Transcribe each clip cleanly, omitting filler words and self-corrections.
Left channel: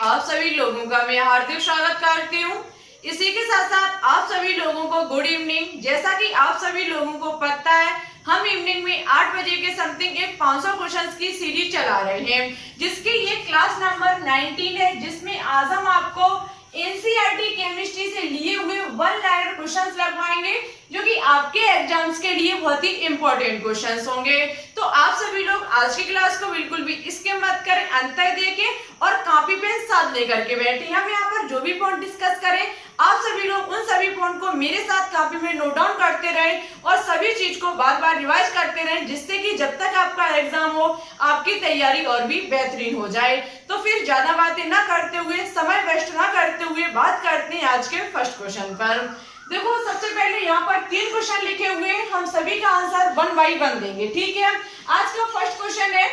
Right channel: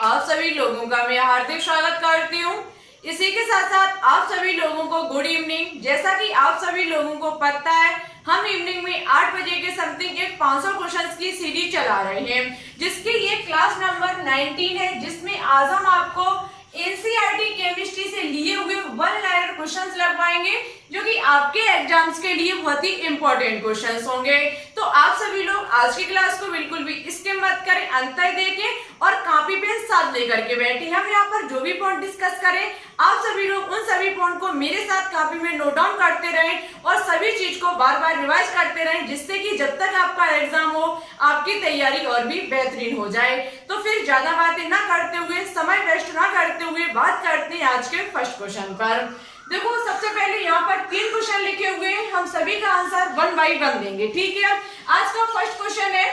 आप सभी लोगों का मैं हार्दिक स्वागत करती हूँ। इसी के साथ साथ आप सभी लोगों को गुड इवनिंग। जैसा कि आप सभी लोगों को पता है, हम इवनिंग में 8 बजे के समथिंग एक 500 क्वेश्चंस की सीरीज चला रहे हैं, जिसकी ये क्लास नंबर 19 है, जिसमें आज हम आपको एनसीईआरटी केमिस्ट्री से लिए हुए 1 लाइनर क्वेश्चंस लगवाएंगे, जो कि आपके एग्जाम्स के लिए बहुत ही इंपॉर्टेंट क्वेश्चंस होंगे। तो आप सभी लोग आज की क्लास को बिल्कुल भी स्किप मत करें, अंत तक देखें और कॉपी पेन साथ लेकर के बैठे। हम यहाँ पर जो भी पॉइंट डिस्कस करें, आप सभी लोग उन सभी पॉइंट को मेरे साथ कॉपी में नोट डाउन करते रहें और सभी चीज को बार बार रिवाइज करते रहें, जिससे कि जब तक आपका एग्जाम हो आपकी तैयारी और भी बेहतरीन हो जाए। तो फिर ज्यादा बातें ना करते हुए, समय वेस्ट ना करते हुए बात करते हैं आज के फर्स्ट क्वेश्चन पर। देखो, सबसे पहले यहाँ पर 3 क्वेश्चन लिखे हुए हैं, हम सभी का आंसर 1 बाय 1 देंगे। ठीक है, आज का फर्स्ट क्वेश्चन है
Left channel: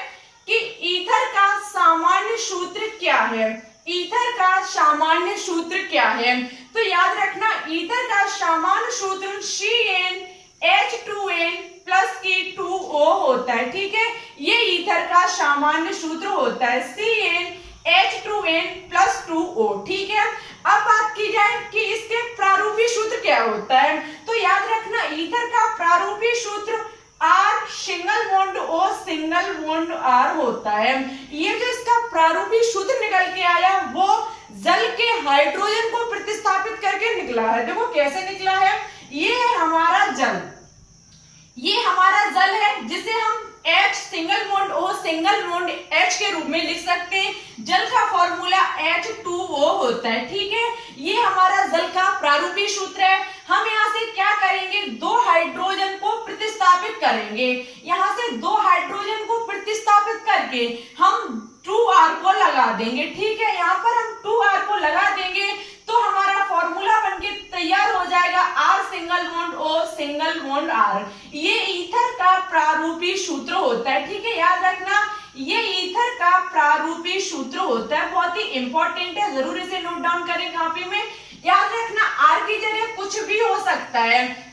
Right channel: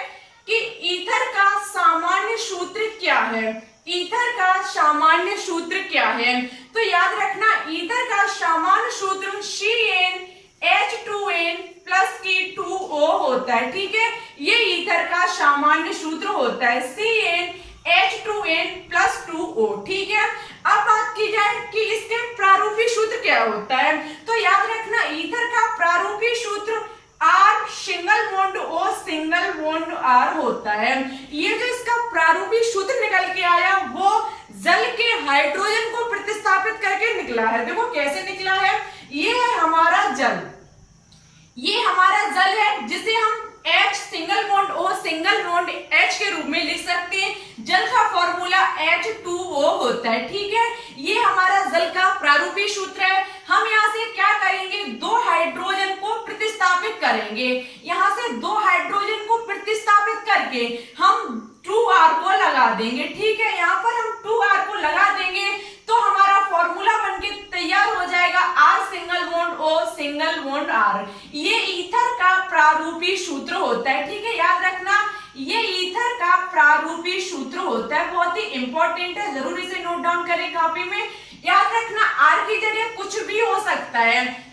कि ईथर का सामान्य सूत्र क्या है। ईथर का सामान्य सूत्र क्या है? तो याद रखना, ईथर का सामान्य सूत्र CnH2n प्लस की 2O होता है। ठीक है, ये ईथर का सामान्य सूत्र होता है, CnH2n प्लस 2O। ठीक है, अब बात की जाए कि इसके प्रारूपी सूत्र क्या होता है, तो याद रखना, ईथर का प्रारूपी सूत्र R single bond O single bond R होता है। ये जो इसका प्रारूपी सूत्र निकल के आया, वो जल के हाइड्रोजन को प्रतिस्थापित करके निकला है। देखो कैसे निकला है, ये है हमारा जल, ये हमारा जल है, जिसे हम H single bond O single bond H के रूप में लिख सकते हैं। जल का फॉर्मूला H2O होता है। ठीक है, ये हमारा जल का प्रारूपी सूत्र है। हम यहाँ से क्या करेंगे, 2 हाइड्रोजन को प्रतिस्थापित करेंगे। यहाँ से 2 हाइड्रोजन को प्रतिस्थापित करके हम 2R को लगा देंगे। ठीक है, यहाँ पर हम 2R को लगा देंगे तो हमारा फॉर्मूला बनके तैयार हो जाएगा R single bond O single bond R। ये ईथर का प्रारूपी सूत्र होता है। ठीक है, याद रखना, ये ईथर का प्रारूपी सूत्र होता है, बहुत ही इंपॉर्टेंट है, जरूर इसे नोट डाउन करें कॉपी में। याद रखना, R की जगह कुछ भी हो सकता है,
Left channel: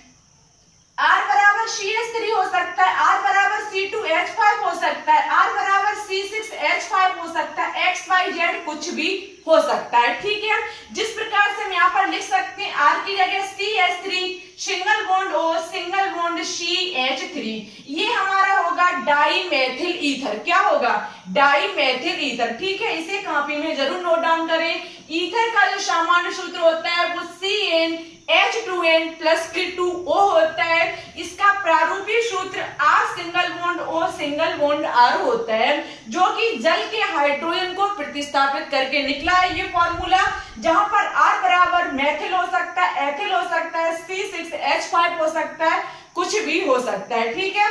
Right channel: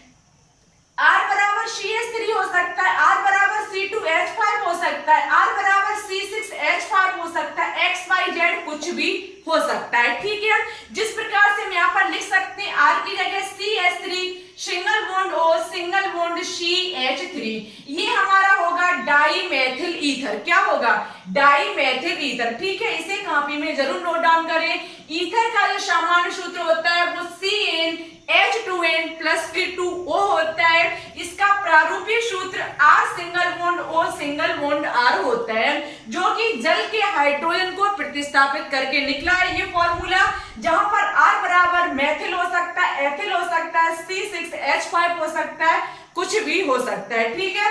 R बराबर CH3 हो सकता है, R बराबर C2H5 हो सकता है, R बराबर C6H5 हो सकता है, XYZ कुछ भी हो सकता है। ठीक है, जिस प्रकार से हम यहाँ पर लिख सकते हैं, R की जगह CH3 single bond O single bond CH3, ये हमारा होगा डाईमेथिल ईथर। क्या होगा, डाईमेथिल ईथर। ठीक है, इसे कॉपी में जरूर नोट डाउन करें। ईथर का जो सामान्य सूत्र होता है वो CnH2n प्लस की 2O होता है। इसका प्रारूपी सूत्र R single bond O single bond R होता है, जो कि जल के हाइड्रोजन को प्रतिस्थापित करके निकला है ये फॉर्मूला, जहां पर R बराबर मेथिल हो सकता है, एथिल हो सकता है, C6H5 हो सकता है, कुछ भी हो सकता है। ठीक है,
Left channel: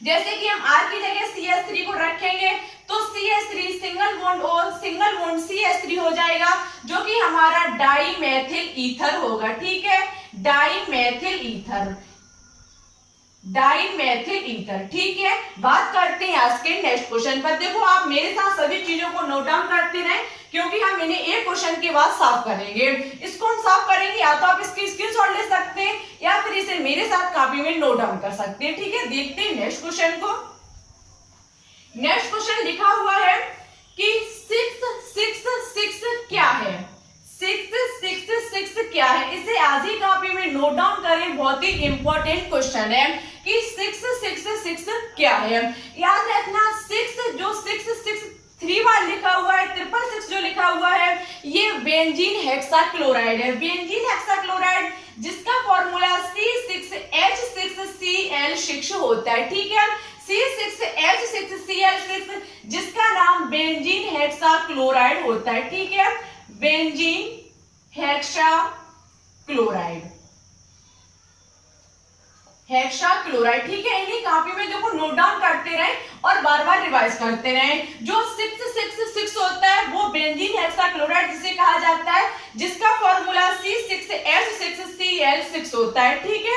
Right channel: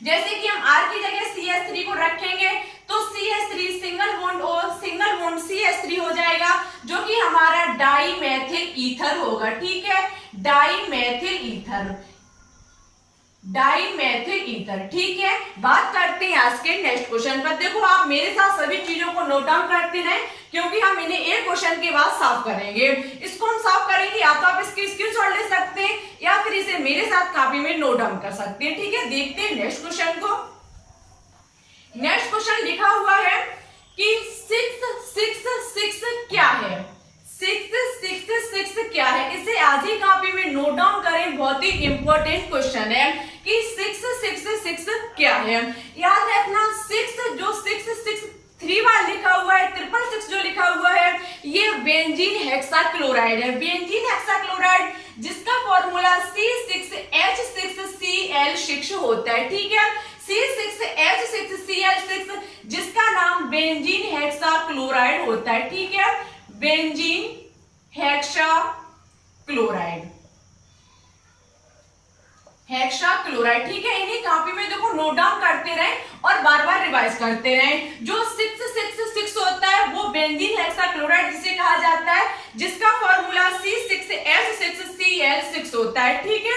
जैसे कि हम R की जगह CH3 को रखेंगे तो CH3 single bond O single bond CH3 हो जाएगा, जो कि हमारा डाईमेथिल ईथर होगा। ठीक है, डाईमेथिल ईथर, डाईमेथिल ईथर। ठीक है, बात करते हैं आज के नेक्स्ट क्वेश्चन पर। देखो, आप मेरे साथ सभी चीजों को नोट डाउन करते रहें, क्योंकि हम इन्हें एक क्वेश्चन के बाद साफ करेंगे। इसको हम साफ करेंगे, या तो आप इसकी स्क्रीनशॉट ले सकते हैं या फिर इसे मेरे साथ कॉपी में नोट डाउन कर सकते हैं। ठीक है, देखते हैं नेक्स्ट क्वेश्चन को। नेक्स्ट क्वेश्चन लिखा हुआ है कि 666 क्या है। 666 क्या है, इसे आज ही कॉपी में नोट डाउन करें, बहुत ही इंपॉर्टेंट क्वेश्चन है कि 666 क्या है। याद रखना, 6 जो 663 बार लिखा हुआ है, 666 जो लिखा हुआ है, ये बेंजीन हेक्साक्लोराइड है। बेंजीन हेक्साक्लोराइड, जिसका फॉर्मूला C6H6Cl6 होता है। ठीक है, C6H6Cl6, जिसका नाम बेंजीन हेक्साक्लोराइड होता है। ठीक है, बेंजीन हेक्साक्लोराइड, हेक्साक्लोराइड। ठीक है, इन्हीं कॉपी में देखो नोट डाउन करते रहें और बार बार रिवाइज करते रहें। जो 666 होता है वो बेंजीन हेक्साक्लोराइड जिसे कहा जाता है, जिसका फॉर्मूला C6H6Cl6 होता है। ठीक है,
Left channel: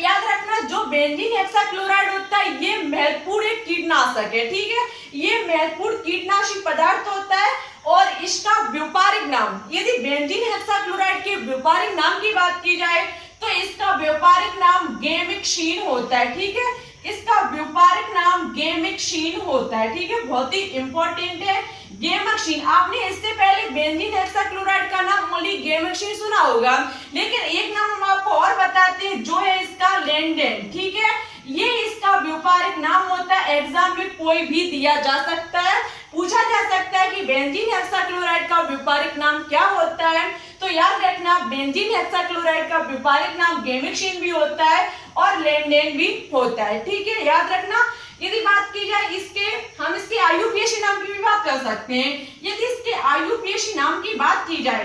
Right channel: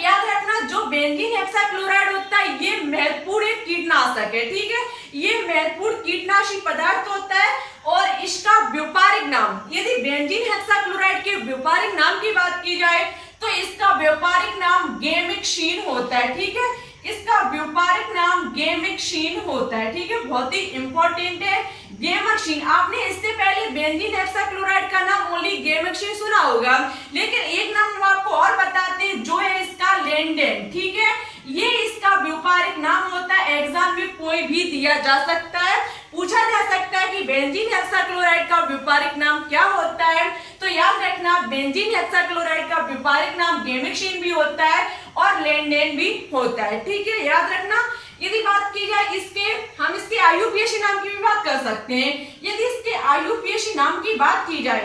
याद रखना, जो बेंजीन हेक्साक्लोराइड होता है ये महत्वपूर्ण एक कीटनाशक है। ठीक है, ये महत्वपूर्ण कीटनाशी पदार्थ होता है और इसका व्यापारिक नाम, यदि बेंजीन हेक्साक्लोराइड के व्यापारिक नाम की बात की जाए तो इसका व्यापारिक नाम गेमिक्सिन होता है। ठीक है, इसका व्यापारिक नाम गैमेक्सीन होता है, ठीक है, बहुत ही इंपॉर्टेंट है गैमेक्सीन। आपने इससे पहले बेंजीन हेक्साक्लोराइड का नाम ओनली गैमेक्सीन सुना होगा, लेकिन एक नाम हम आपको और बताते हैं जो है इसका लेंडेन, ठीक है, ये इसका व्यापारिक नाम होता है। एग्जाम में कोई भी दिया जा सकता है, पूछा जा सकता है कि बेंजीन हेक्साक्लोराइड का व्यापारिक नाम क्या होता है, तो याद रखना बेंजीन हेक्साक्लोराइड का व्यापारिक नाम गैमेक्सीन भी होता है और लेंडेन भी होता है, ठीक है, याद रखना। यदि बात की जाए इसके, हम इसके आईयूपीएसी नाम की भी बात कर सकते हैं। यदि इसके आईयूपीएसी नाम की बात की जाए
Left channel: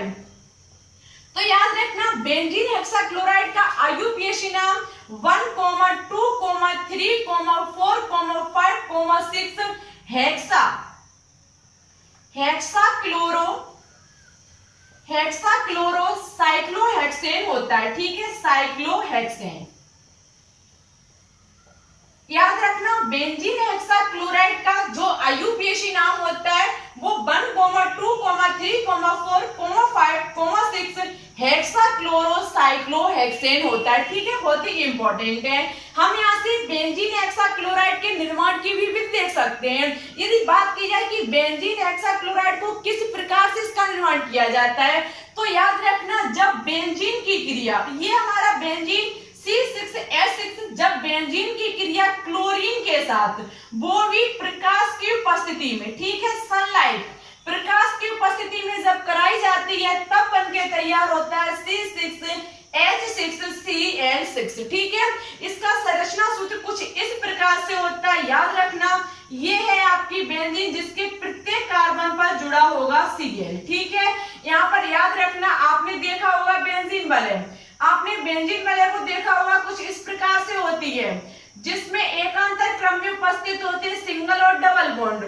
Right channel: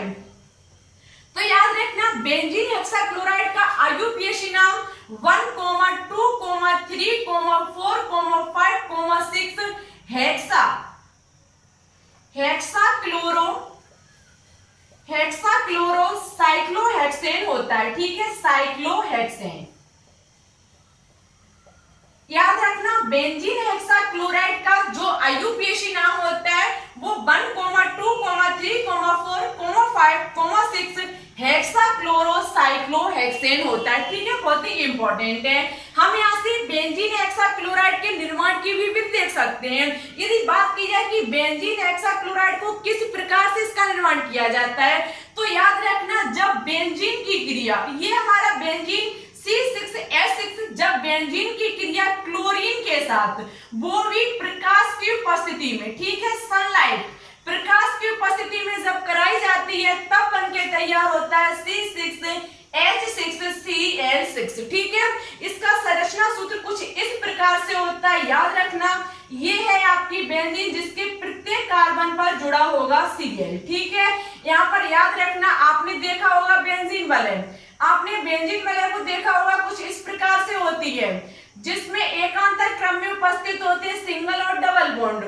तो याद रखना बेंजीन हेक्साक्लोराइड का आईयूपीएसी नाम 1, 2, 3, 4, 5, 6 हेक्साक्लोरो साइक्लोहेक्सेन होता है, ठीक है, साइक्लोहेक्सेन। याद रखना बेंजीन हेक्साक्लोराइड का जो आईयूपीएसी नाम होता है वो 1, 2, 3, 4, 5, 6 हेक्साक्लोरोसाइक्लोहेक्सेन होता है, ठीक है, बहुत ही इंपॉर्टेंट है। हम यहाँ से बेंजीन हेक्साक्लोराइड के निर्माण की भी देख सकते हैं। यदि बात की जाए कि बेंजीन हेक्साक्लोराइड को किस प्रकार से इसका निर्माण किया जाता है, तो याद रखना जब बेंजीन की क्रिया, ये हमारा बेंजीन C6H6, जब बेंजीन की क्रिया क्लोरीन के साथ वो भी प्रकाश की उपस्थिति में, ठीक है, सनलाइट प्रकाश की उपस्थिति में जब कराई जाती है तब बनके तैयार होता है C6H6Cl6, ठीक है। इसका संरचना सूत्र कुछ इस प्रकार से होता है, याद रखना ये है आपकी बेंजीन जिसके प्रत्येक कार्बन पर जुड़ा होगा Cl, ठीक है। यहाँ पर याद रखना आपने देखा होगा बेंजीन वलय, आपने बेंजीन वलय को देखा होगा कुछ इस प्रकार से होती है जिसमें एकांतर क्रम में उपस्थित होते हैं सिंगल और डबल बॉन्ड।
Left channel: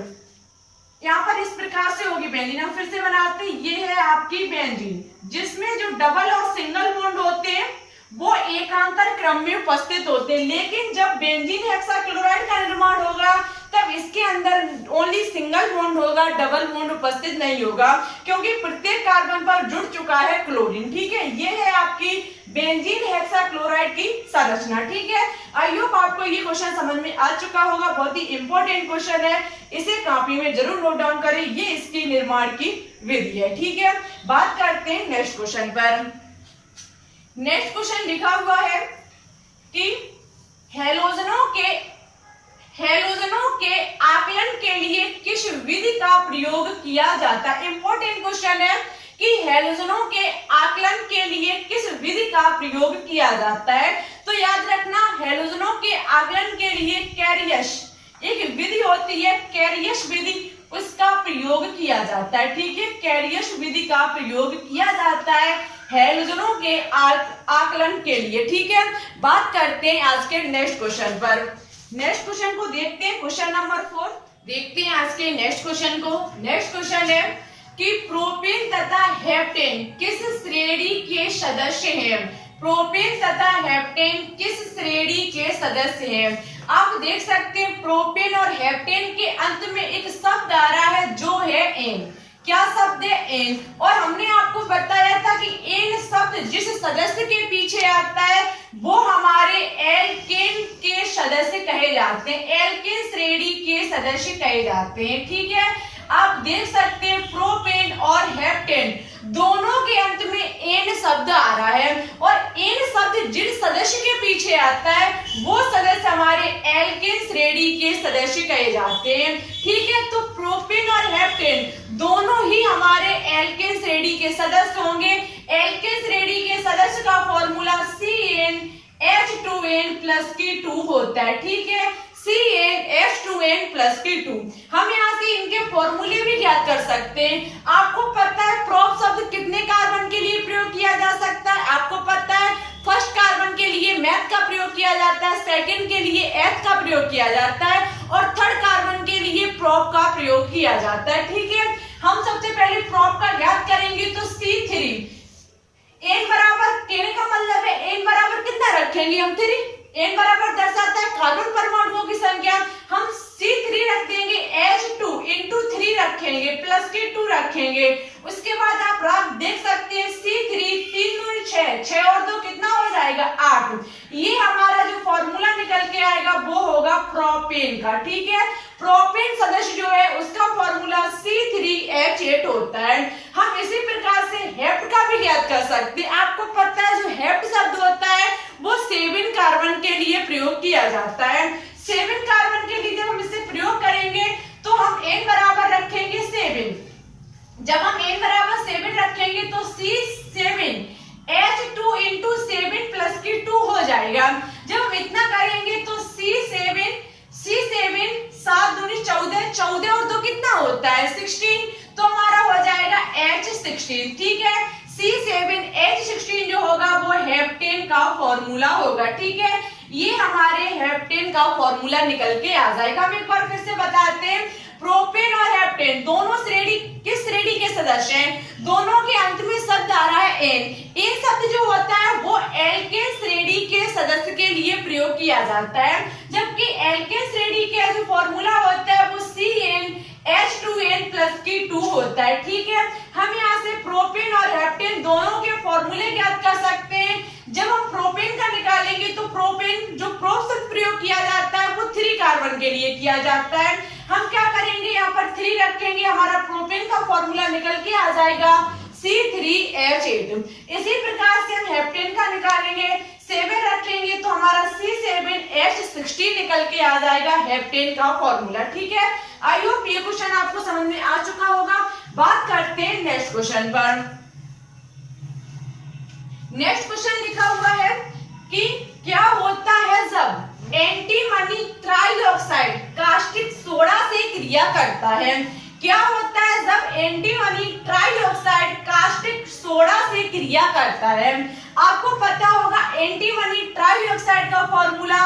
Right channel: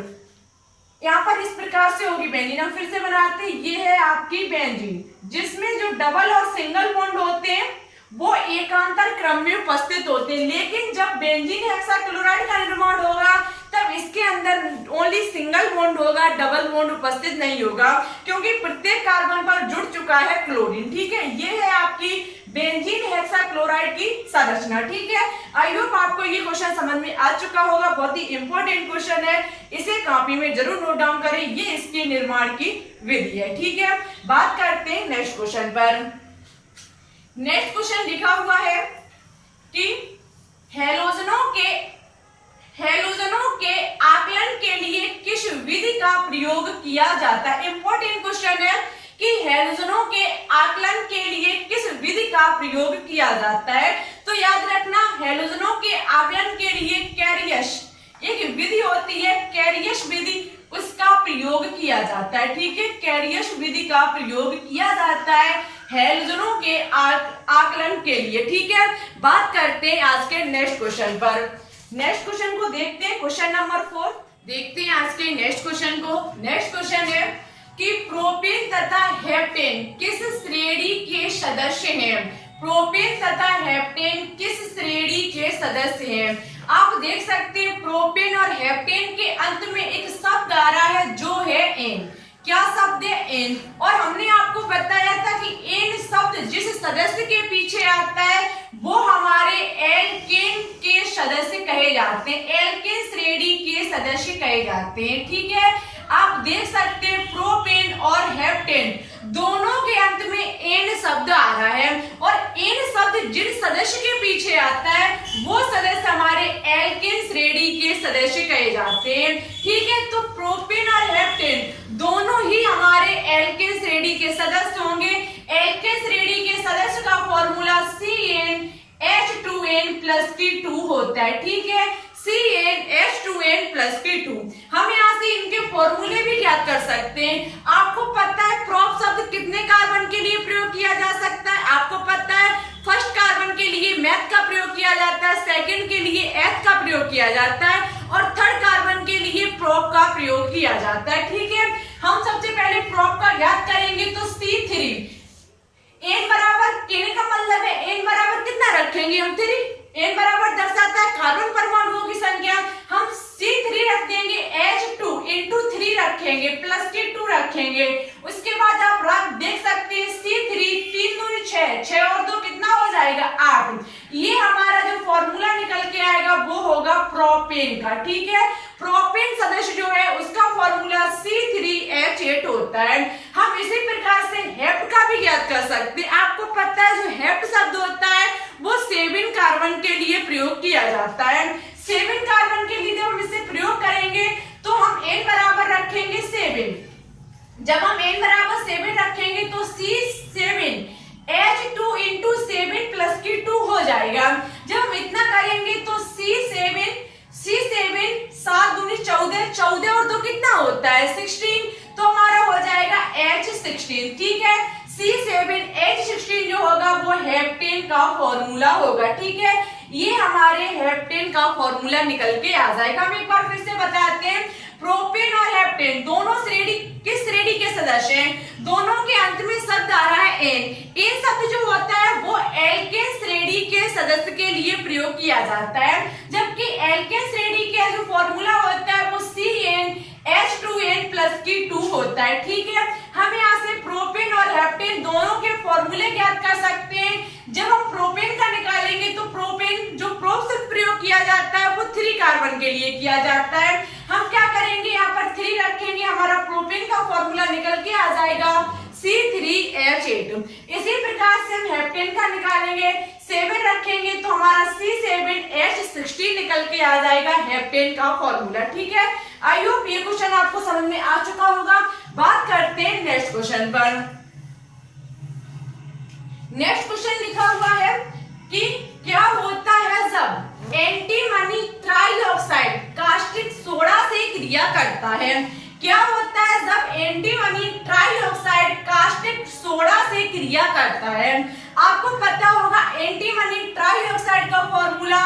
यहाँ पर इस प्रकार से होगी बेंजीन, हम फिर से बनाते हैं, ये है आपकी बेंजीन जिसमें जो डबल और सिंगल बॉन्ड होते हैं वो एकांतर क्रम में उपस्थित होते हैं। लेकिन जब बेंजीन हेक्साक्लोराइड का निर्माण होगा तब इसके अंदर ओनली सिंगल बॉन्ड होगा, डबल बॉन्ड उपस्थित नहीं होगा, क्योंकि प्रत्येक कार्बन पर जुड़ चुका है क्लोरीन, ठीक है। ये है आपकी बेंजीन हेक्साक्लोराइड की संरचना, ठीक है। आई होप आपको ये क्वेश्चन समझ में आ चुका होगा, बहुत ही इंपॉर्टेंट क्वेश्चन है, इसे कॉपी में जरूर नोट डाउन करें, ये इसकी निर्माण की विधि है, ठीक है। बात करते हैं नेक्स्ट क्वेश्चन पर। नेक्स्ट क्वेश्चन लिखा हुआ है कि हेलोजनों के आकलन के लिए किस विधि का प्रयोग किया जाता है। इंपॉर्टेंट क्वेश्चन है कि हेलोजनों के आकलन के लिए किस विधि का प्रयोग किया जाता है। तो याद रखना हेलोजनों के आकलन के लिए कैरियस एक विधि होती है, कैरियस विधि, उसका प्रयोग किया जाता है, ठीक है। कैरियस विधि का प्रयोग किया जाता है हेलोजनों के आकलन के लिए, ठीक है। बात करते हैं आज के नेक्स्ट क्वेश्चन पर। नेक्स्ट क्वेश्चन को देखते हैं, क्वेश्चन नंबर 4 देखते हैं आज के नेक्स्ट क्वेश्चन को। नेक्स्ट क्वेश्चन है कि प्रोपेन तथा हेप्टेन किस श्रेणी के सदस्य हैं। प्रोपेन तथा हेप्टेन किस श्रेणी के सदस्य हैं। आप देख सकते हैं प्रोपेन और हेप्टेन के अंत में एक शब्द आ रहा है जो है एन। क्या शब्द है एन, और हमने आपको बताया था कि एन शब्द जिस सदस्य के पीछे आता है वो हमारे एल्केन के सदस्य कहे जाते हैं, एल्केन श्रेणी के सदस्य कहे जाते हैं, ठीक है। आप देख सकते हैं प्रोपेन और हेप्टेन दोनों के अंत में एन शब्द आ रहा है, और एन शब्द जिन सदस्य के पीछे आता है वो सदस्य हमारे एल्केन श्रेणी के सदस्य कहे जाते हैं, ठीक है। तो प्रोपेन और हेप्टेन दोनों ही हमारे एल्केन श्रेणी के सदस्य होंगे। एल्केन श्रेणी के सदस्य का फॉर्मूला CnH2n+K2 होता है, ठीक है, CnH2n+K2। हम यहाँ से इनके फॉर्मूले भी याद कर सकते हैं। आपको पता है प्रोप शब्द कितने कार्बन के लिए प्रयोग किया जा सकता है, आपको पता है फर्स्ट कार्बन के लिए मैथ का प्रयोग किया जाता है, सेकंड के लिए एथ का प्रयोग किया जाता है, और थर्ड कार्बन के लिए प्रोप का प्रयोग किया जाता है, ठीक है। हम सबसे पहले प्रोप का याद करेंगे तो C3, n बराबर, कहने का मतलब है n बराबर कितना रखेंगे हम 3, n बराबर दर्शाता है कार्बन परमाणुओं की संख्या, हम C3 रख देंगे, H2 into 3 रखेंगे, प्लस K2 रखेंगे। उसके बाद आप देख सकते हैं C3 3 दूनी 6, 6 और 2 कितना हो जाएगा 8। ये हमारा जो फॉर्मूला निकल के आएगा वो होगा होगा, ठीक है। प्रोपेन सदस्य जो है उसका फॉर्मूला C3H8 होता है। हम इसी प्रकार से हेप्ट का भी याद कर सकते हैं। आपको पता है जो हेप्ट शब्द होता है वो 7 कार्बन के लिए प्रयोग किया जाता है। 7 कार्बन के लिए जब हम इसे प्रयोग करेंगे तो हम n बराबर रखेंगे 7। जब हम n बराबर 7 रखेंगे तो C7H2 इंटू 7 प्लस की 2 हो जाएगा। जब हम इतना करेंगे तो C7 7 दूनी 14, 14 और 2 कितना होता है 16, तो हमारा हो जाएगा H16, ठीक है। C7H16 जो होगा वो हेप्टेन का फॉर्मूला होगा, ठीक है। ये हमारे हेप्टेन का फॉर्मूला निकल के आ जाएगा। हम एक बार फिर से बताते हैं, प्रोपेन और हेप्टेन दोनों श्रेणी किस श्रेणी के सदस्य हैं? दोनों के अंत में शब्द आ रहा है एन। एन शब्द जो होता है वो एल्केन श्रेणी के सदस्य के लिए प्रयोग किया जाता है, जबकि एल्केन श्रेणी का जो फॉर्मूला होता है वो CnH2n प्लस की 2 होता है, ठीक है। हम यहाँ से प्रोपेन और हेप्टेन दोनों के फॉर्मूले ज्ञात कर सकते हैं। जब हम प्रोपेन का निकालेंगे तो प्रोपेन जो प्रोप शब्द प्रयोग किया जाता है वो 3 कार्बन के लिए किया जाता है। हम क्या करेंगे, यहाँ पर 3 रखेंगे, हमारा प्रोपेन का फॉर्मूला निकल के आ जाएगा C3H8। इसी प्रकार से हम हेप्टेन का निकालेंगे, 7 रखेंगे तो हमारा C7H16 निकल के आ जाएगा हेप्टेन का फॉर्मूला, ठीक है। आई होप ये क्वेश्चन आपको समझ में आ चुका होगा। बात करते हैं नेक्स्ट क्वेश्चन पर। नेक्स्ट क्वेश्चन लिखा हुआ है कि क्या होता है जब एंटीमनी ट्राइऑक्साइड कास्टिक सोडा से क्रिया करता है? क्या होता है जब एंटीमनी ट्राइऑक्साइड कास्टिक सोडा से क्रिया करता है? आपको पता होगा एंटीमनी ट्राइऑक्साइड का फॉर्मूला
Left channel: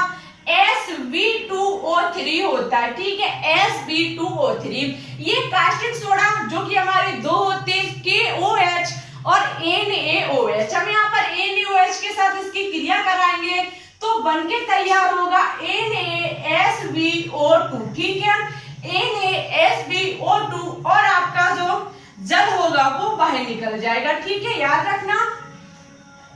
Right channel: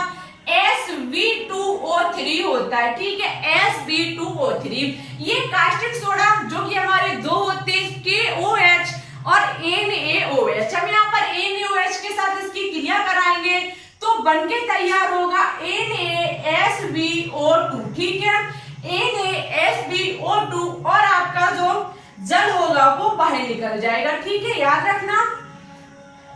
Sb2O3 होता है, ठीक है। Sb2O3 ये कास्टिक सोडा जो कि हमारे दो होते हैं KOH और NaOH। हम यहाँ पर NaOH के साथ इसकी क्रिया कराएंगे तो बनके तैयार होगा NaSbO2, ठीक है। NaSbO2 और आपका जो जल होगा वो बाहर निकल जाएगा, ठीक है। याद रखना,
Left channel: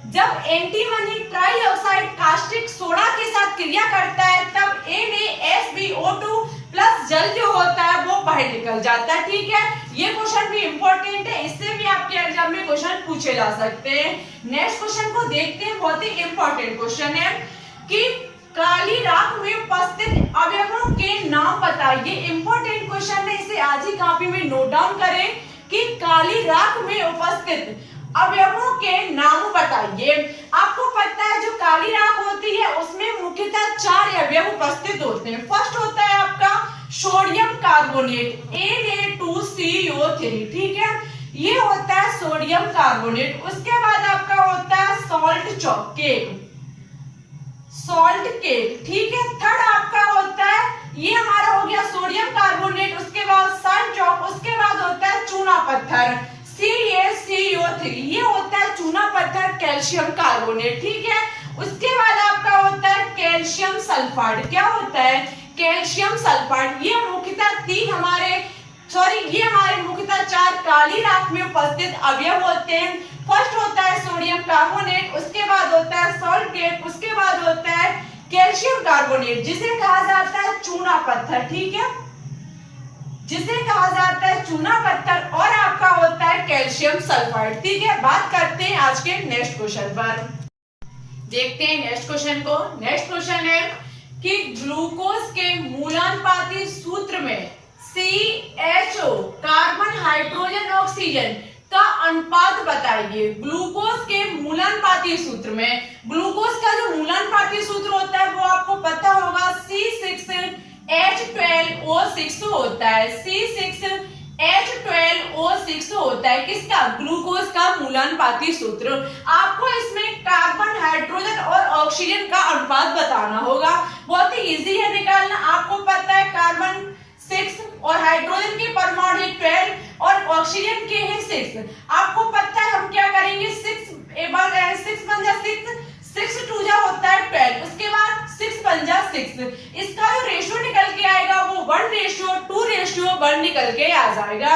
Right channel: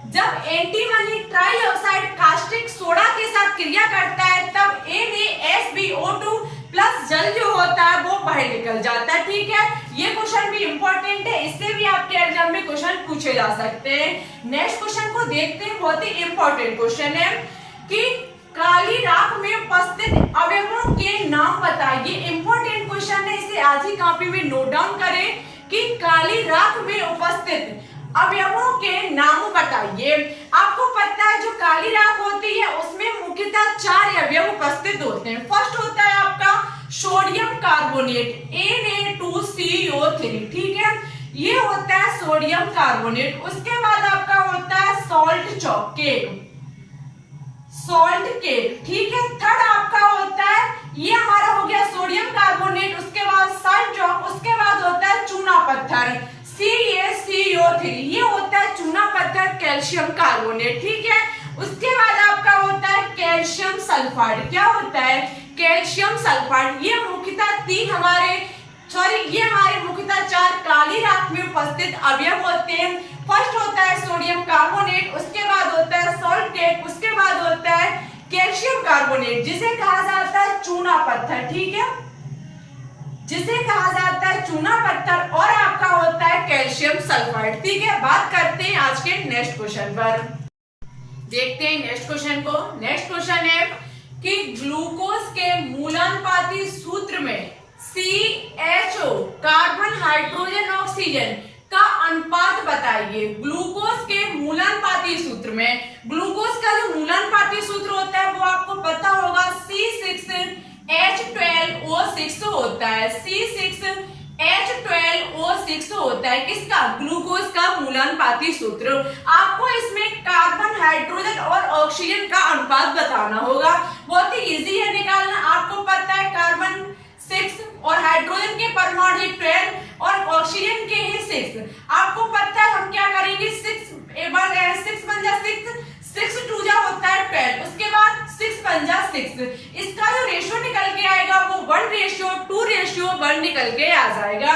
जब एंटीमनी ट्राइऑक्साइड कास्टिक सोडा के साथ क्रिया करता है तब NaSbO2 प्लस जल जो होता है वो बाहर निकल जाता है, ठीक है। ये क्वेश्चन भी इंपॉर्टेंट है, इससे भी आपके एग्जाम में क्वेश्चन पूछे जा सकते हैं। नेक्स्ट क्वेश्चन को देखते हैं, बहुत ही इंपॉर्टेंट क्वेश्चन है कि काली राख में उपस्थित अवयवों के नाम बताइए। इंपॉर्टेंट क्वेश्चन है, इसे आज ही कॉपी में नोट डाउन करें कि काली राख में उपस्थित अवयवों के नाम बताइए। आपको पता है जो काली राख होती है उसमें मुख्यतः 4 अवयव उपस्थित होते हैं। फर्स्ट होता है आपका सोडियम कार्बोनेट Na2CO3, ठीक है, ये होता है सोडियम कार्बोनेट। उसके बाद आपका होता है सॉल्ट केक, ठीक है। थर्ड आपका होता है, ये हमारा हो गया सोडियम कार्बोनेट, उसके बाद सॉल्ट चॉक, उसके बाद होता है चूना पत्थर CaCO3, ये होता है चूना पत्थर कैल्शियम कार्बोनेट, ठीक है। उसके बाद आपका होता है कैल्शियम सल्फाइड। क्या होता है? Calcium sulphide. ये मुख्यतः हमारे मुख्यतः 4 काली राख में उपस्थित अवयव होते हैं। फर्स्ट होता है सोडियम कार्बोनेट, उसके बाद होता है सॉल्ट केक, उसके बाद होता है कैल्शियम कार्बोनेट जिसे कहा जाता है चूना पत्थर, ठीक है, जिसे कहा जाता है चूना पत्थर, और आपका होता है कैल्शियम सल्फाइड, ठीक है। बात करते हैं आज के नेक्स्ट क्वेश्चन पर। देखते हैं नेक्स्ट क्वेश्चन को। नेक्स्ट क्वेश्चन है कि ग्लूकोज के मूलानुपाती सूत्र में CHO कार्बन हाइड्रोजन ऑक्सीजन का अनुपात बताइए। ग्लूकोज के मूलानुपाती सूत्र में, ग्लूकोज का जो मूलानुपाती सूत्र होता है वो आपको पता होगा C6H12O6 होता है। C6H12O6 होता है किसका? ग्लूकोज का मूलानुपाती सूत्र। आपको इसमें कार्बन हाइड्रोजन और ऑक्सीजन का अनुपात बताना होगा। बहुत ही इजी है निकालना। आपको पता है कार्बन 6 और हाइड्रोजन के परमाणु 12 और ऑक्सीजन के हैं 6। आपको पता है हम क्या करेंगे, 6 बन जा 6 2 जा होता है 12, उसके बाद 6 बन जा 6। इसका जो रेशियो निकल के आएगा वो 1:2:1 निकल के आ जाएगा।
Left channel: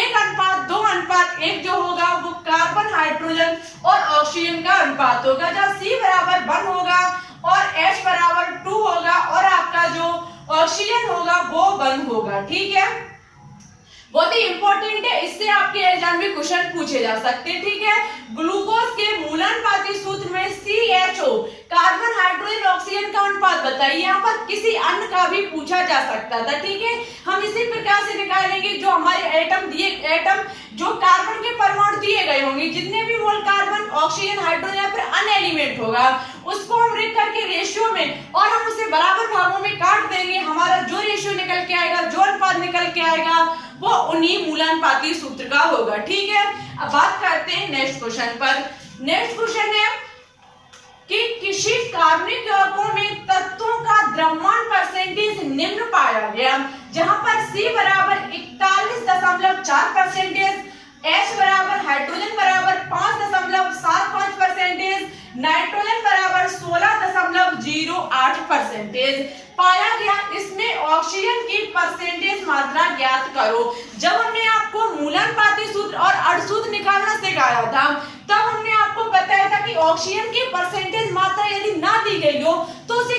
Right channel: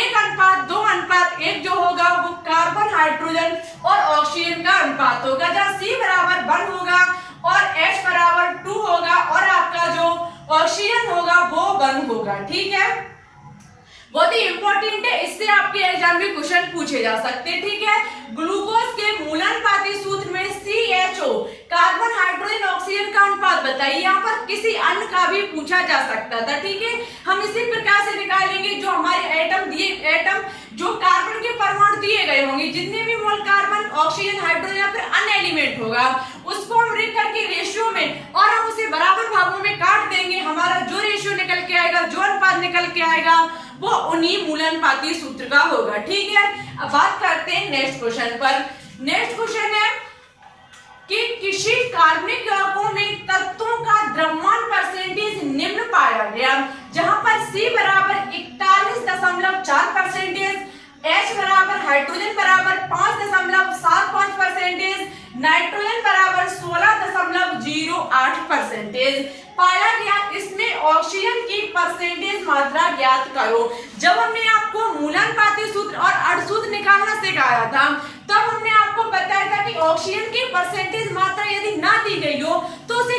1:2:1 जो होगा वो कार्बन हाइड्रोजन और ऑक्सीजन का अनुपात होगा, जहाँ C = 1 होगा और H = 2 होगा और आपका जो ऑक्सीजन होगा वो बंद होगा। ठीक है, बहुत ही इंपॉर्टेंट है, इससे आपके एग्जाम में क्वेश्चन पूछे जा सकते हैं। ठीक है, ग्लूकोज के मूलानुपाती सूत्र में CHO कार्बन हाइड्रोजन ऑक्सीजन का अनुपात बताइए। यहाँ पर किसी अन्य का भी पूछा जा सकता था। ठीक है, हम इसी प्रकार से निकालेंगे, जो हमारे एटम जो कार्बन के परमाणु दिए गए होंगे, जितने भी मोल कार्बन ऑक्सीजन हाइड्रोजन या फिर अन्य एलिमेंट होगा, उसको हम लिख करके रेशियो में और हम उसे बराबर भागों में काट देंगे। हमारा जो रेशियो निकल के आएगा, जो अनुपात निकल के आएगा, वो उन्हीं मूलानुपाती सूत्र का होगा। ठीक है, अब बात करते हैं नेक्स्ट क्वेश्चन पर। नेक्स्ट क्वेश्चन है कि किसी कार्बनिक यौगिकों में तत्वों का द्रव्यमान परसेंटेज निम्न पाया गया, जहां पर C बराबर 41.4%, H बराबर हाइड्रोजन बराबर 5.75%, नाइट्रोजन बराबर 16.08% पाया गया। इसमें ऑक्सीजन की परसेंटेज मात्रा ज्ञात करो। जब हमने आपको मूलानुपाती सूत्र और अर्धसूत्र निकालना सिखाया था, तब हमने आपको बताया था कि ऑक्सीजन की परसेंटेज मात्रा यदि ना दी गई हो तो उसे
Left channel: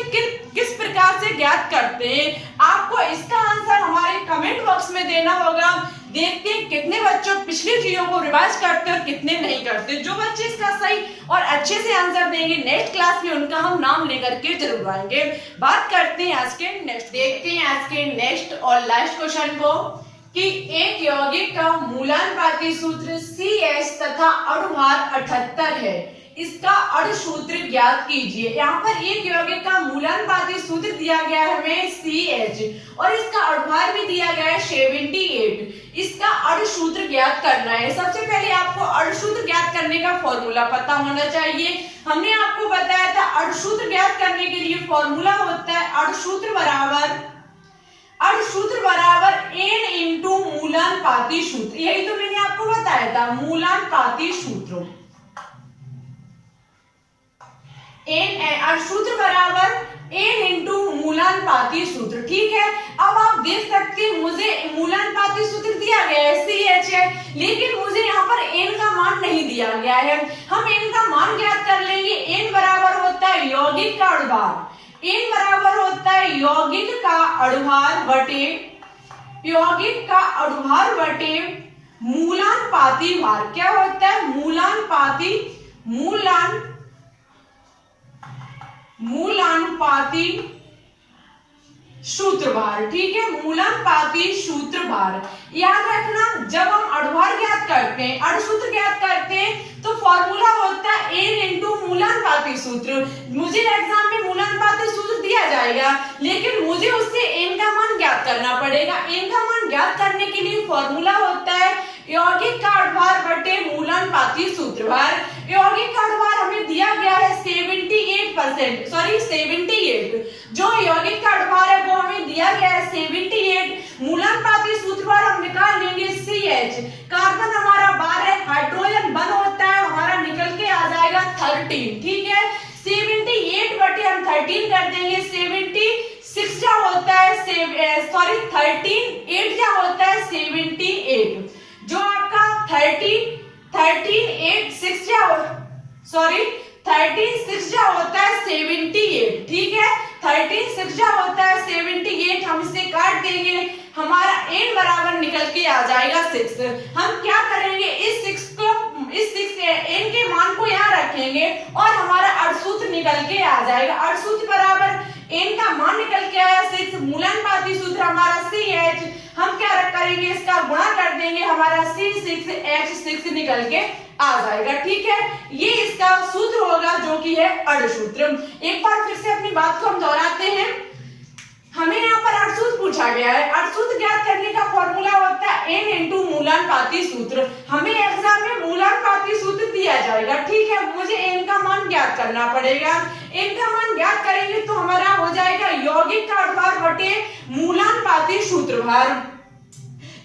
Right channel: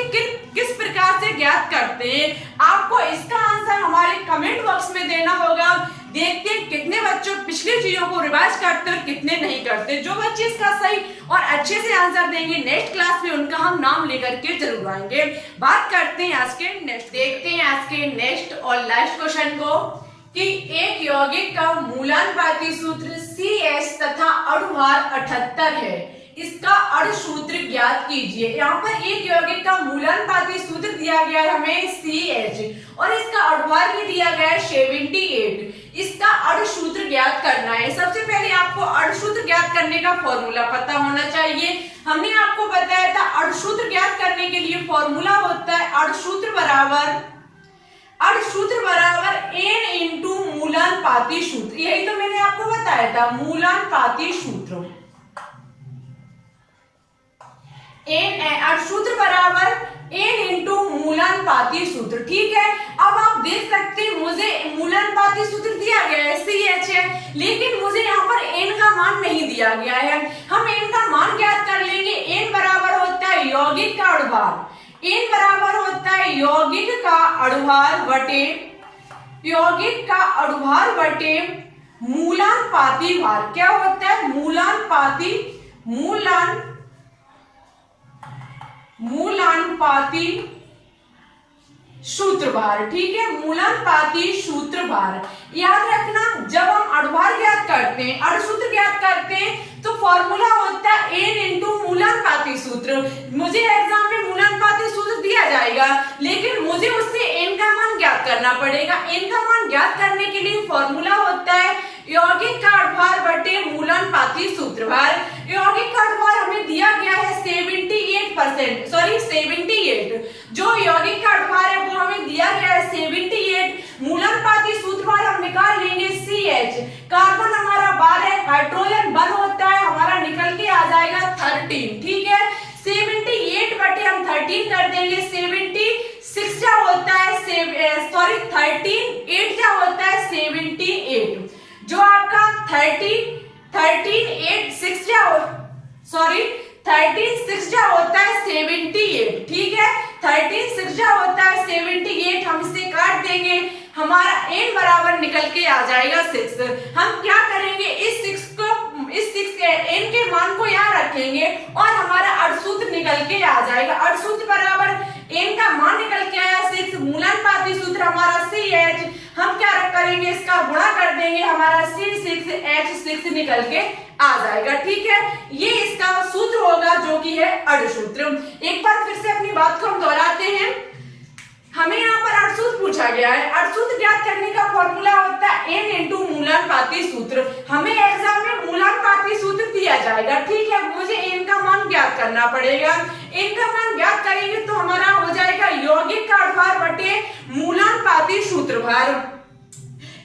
किस प्रकार से ज्ञात करते हैं। आपको इसका आंसर हमारे कमेंट बॉक्स में देना होगा। देखते हैं कितने बच्चों पिछली चीजों को रिवाइज करते हैं और कितने नहीं करते। जो बच्चे इसका सही और अच्छे से आंसर देंगे, नेक्स्ट क्लास में उनका हम नाम लेकर के जरूर आएंगे। बात करते हैं आज के नेक्स्ट, देखते हैं आज के नेक्स्ट और लास्ट क्वेश्चन को कि एक यौगिक का मूलानुपाती सूत्र CH तथा अणुभार 78 है, इसका अणुसूत्र ज्ञात कीजिए। यहाँ पर एक यौगिक का मूलानुपाती सूत्र दिया गया है हमें CH और इसका अणुभार भी दिया गया है 78। इसका अणुसूत्र ज्ञात करना है। सबसे पहले आपको अणुसूत्र ज्ञात करने का फॉर्मूला पता होना चाहिए। हमने आपको बताया था अणुसूत्र ज्ञात करने के लिए फॉर्मूला होता है अणुसूत्र बराबर N इंटू मूलानुपाती सूत्र। यही तो मैंने आपको बताया था, मूलानुपाती सूत्र। सूत्र बराबर N इंटू मूलानुपाती सूत्र। ठीक है, अब आप देख सकते हैं मुझे मूलानुपाती सूत्र दिया गया है CH है, लेकिन मुझे यहाँ पर N का मान नहीं दिया गया है। हम N का मान ज्ञात कर लेंगे। N बराबर होता है यौगिक का अणुभार, N बराबर होता है यौगिक का अणुभार बटे मूलानुपाती भार। क्या होता है? मूलानुपाती सूत्रभार। ठीक है, मूलानुपाती सूत्रभार याद रखना। जब हम अणुभार ज्ञात करते हैं, अणुसूत्र ज्ञात करते हैं, तो फॉर्मूला होता है N इंटू मूलानुपाती सूत्र। मुझे एग्जाम में मूलानुपाती सूत्र दिया जाएगा, लेकिन मुझे उससे N का मान ज्ञात करना पड़ेगा। N का मान ज्ञात करने के लिए फॉर्मूला होता है यौगिक का अणुभार बटे मूलानुपाती सूत्रभार। यौगिक का अणुभार हमें दिया गया है 78%, सॉरी 78। जो यौगिक का अणुभार है वो हमें दिया गया है 78। मूलानुपाती सूत्रभार हम निकाल लेंगे CH। कार्बन हमारा 12, हाइड्रोजन 1 होता है, हमारा निकल के आ जाएगा 13। ठीक है, 78 बटे हम 13 कर देंगे। 76 क्या होता है, 13 8 क्या होता है 78। जो आपका 13 8 6 क्या हो, सॉरी 13 6 क्या होता है 78। ठीक है, 13 6 क्या होता है 78। हम इसे काट देंगे, हमारा N बराबर निकल के आ जाएगा 6। हम क्या करेंगे, इस 6 N के मान को यहाँ रखेंगे और हमारा अणुसूत्र निकल के आ जाएगा। अणुसूत्र बराबर N का मान निकल के आया 6, मूलानुपाती सूत्र हमारा CH। हम क्या करेंगे, इसका गुणा कर देंगे, हमारा C6H6 निकल के आ जाएगा। ठीक है, ये इसका सूत्र होगा जो कि है अणुसूत्र। एक बार फिर से अपनी बात को हम दोहराते हैं। हमें यहाँ पर अणुसूत्र पूछा गया है। अणुसूत्र ज्ञात करने का फॉर्मूला होता है N इंटू मूलानुपाती सूत्र। हमें एग्जाम में मूलानुपाती सूत्र दिया जाएगा। ठीक है, मुझे N का मान ज्ञात करना पड़ेगा। N का मान ज्ञात करेंगे तो हमारा हो जाएगा यौगिक का अणुभार बटे मूलानुपाती सूत्रभार।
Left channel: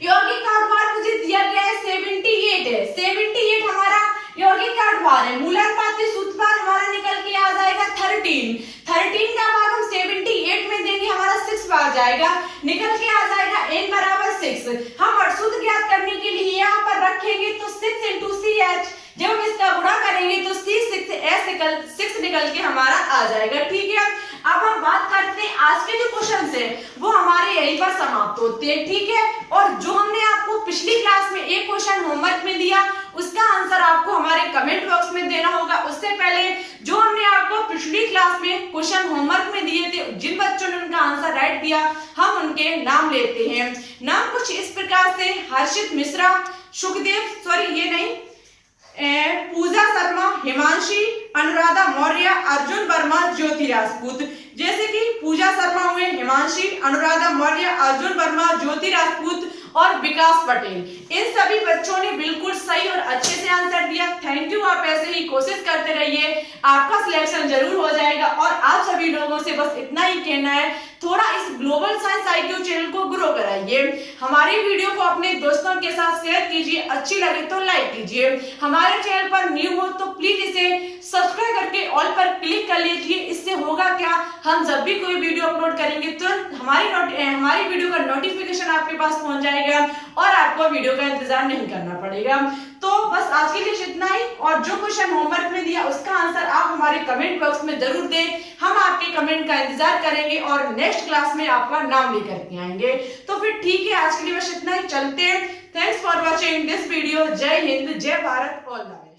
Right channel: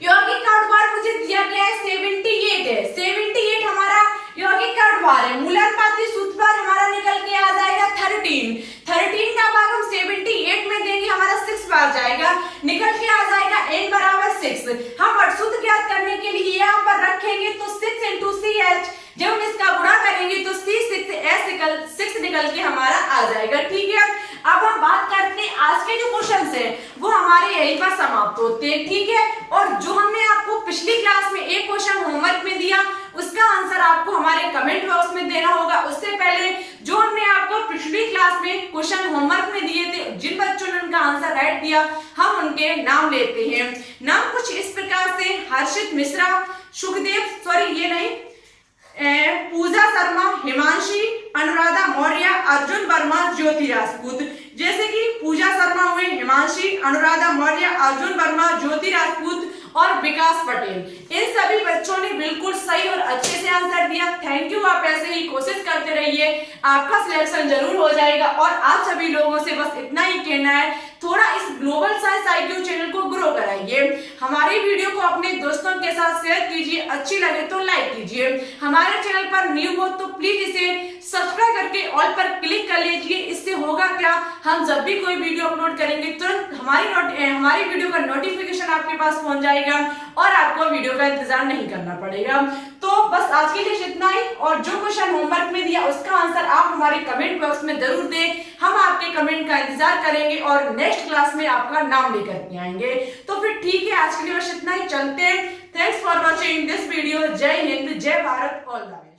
यौगिक का अणुभार मुझे दिया गया है 78 है। 78 हमारा यौगिक का अणुभार है। मूलानुपाती सूत्रभार हमारा निकल के आ जाएगा 13। 13 का भाग हम 78 में देंगे, हमारा 6 बार जाएगा, निकल के आ जाएगा N बराबर 6। हम अणुसूत्र ज्ञात करने के लिए यहाँ पर रखेंगे तो 6 इंटू CH। जब हम इसका गुणा करेंगे तो C6H6 निकल के हमारा आ जाएगा। ठीक है, अब हम बात करते हैं आज के जो क्वेश्चन है वो हमारे यहीं पर समाप्त होते हैं, ठीक है। और जो हमने आपको पिछली क्लास में एक क्वेश्चन होमवर्क में दिया उसका आंसर आपको हमारे कमेंट बॉक्स में देना होगा। उससे पहले जो हमने आपको पिछली क्लास में क्वेश्चन होमवर्क में दिए थे, जिन बच्चों ने उनका आंसर राइट दिया हम उनके नाम लेते हैं। नाम कुछ इस प्रकार से हर्षित मिश्रा, सुखदेव, सॉरी ये नहीं, पूजा शर्मा, हिमांशी, अनुराधा मौर्य, अर्जुन वर्मा, ज्योति राजपूत। जैसे कि पूजा शर्मा हुए, हिमांशी, अनुराधा मौर्य, अर्जुन वर्मा, ज्योति राजपूत और विकास पटेल। इन सभी बच्चों ने बिल्कुल सही और अच्छे से आंसर दिया। Thank you. आप ऐसे ही कोशिश करते रहिए, आपका सिलेक्शन जरूर हो जाएगा। और आप सभी लोगों से बस इतना ही कहना है, थोड़ा इस ग्लोबल साइंस IQ चैनल को ग्रो कराइए। हमारी वीडियो को अपने दोस्तों के साथ शेयर कीजिए, अच्छी लगे तो लाइक कीजिए। हमारे चैनल पर न्यू हो तो प्लीज इसे सब्सक्राइब करके ऑल पर क्लिक कर लीजिए। इससे होगा क्या, हम जब भी कोई वीडियो अपलोड करेंगे तुरंत हमारी वीडियो का नोटिफिकेशन आपके पास पहुंच जाएगा और आपको वीडियो का इंतजार नहीं करना पड़ेगा। तो बस आज के लिए इतना ही। और जो क्वेश्चन होमवर्क में दिया उसका आंसर आप हमारे कमेंट बॉक्स में जरूर दें, हम आपके कमेंट का इंतजार करेंगे और नेक्स्ट क्लास में आपका नाम लेकर के आएंगे। तो फिर ठीक है, आज के लिए बस इतना ही, चलते हैं। Thanks for watching this video. जय हिंद, जय भारत, ऑल द बेस्ट।